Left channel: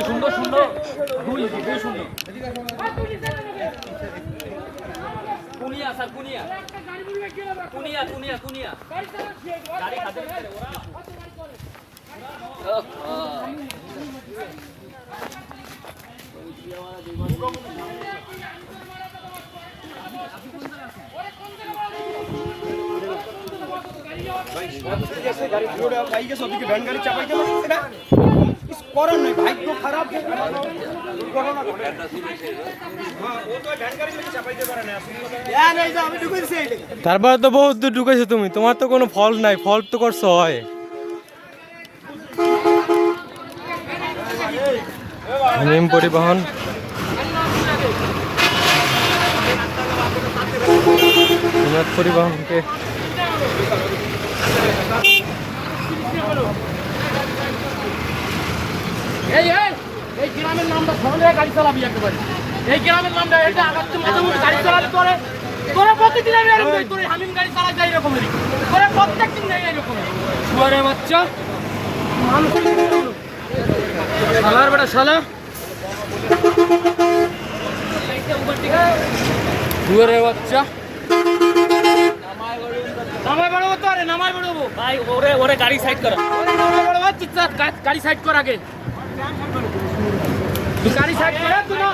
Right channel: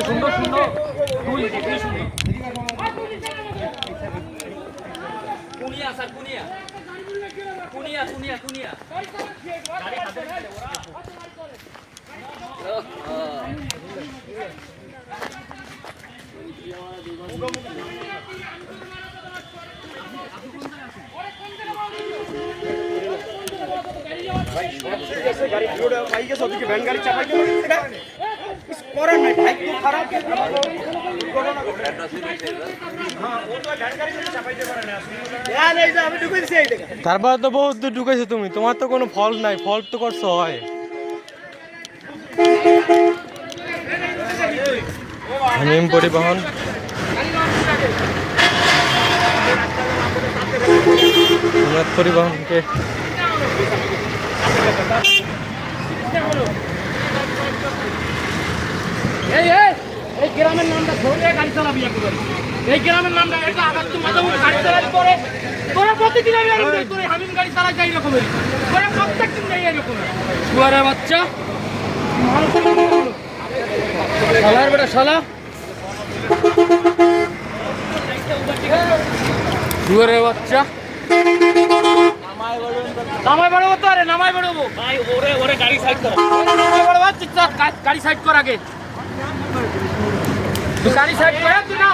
সুন্দর সুন্দর কুনিয়া স্যার কুনিয়া কুনিয়া কুনিয়া কুনিয়া গাড়ি খাতে ভাই সবচেয়ে গেছে গাড়ি পুরোটা পাই গেছে ওদিকে ভ্যান গাড়ি চাপাই গেল এটা করেন নাই ভাগ্য খারাপ দুর্ঘটনা ঘটে হ্যাঁ ও তো ভ্যান গাড়ি চাপাইতে পারে না এই যে আমি ঢুকেছি এইটা তারপরে তো বহুত দূর ঢুকেছো তুমি, তোমার তো কোনো ফল্ট নাই, ফল্ট তো করছো হয়। নিম পরিবহন পরিবহনকে এই গ্রামের নামটা ধরে গাড়ি চালাবি একেবারে। এই গ্রামের নামটা একটা আবার তো মাঝে মধ্যে গাড়ি চালাতে করে তোরা প্রতিদিন আমি এরকম তোর হামিম গাড়ি চালাই যাই এরকমেরই তোরা প্রত্যেকদিন যাই এরকম শুয়ারে বাচ্চা শালার বেটা শালা শুয়ারে বাচ্চা নামায় বাড়বো তো আরে নামায় বাড়বো ভাই ওরে ওরে গাড়ি সাইড করা ওরে নামায় বাড়বো চুপচাপ গাড়ি সাইড কর আগে তুই গাড়ি সাইড করে তুই না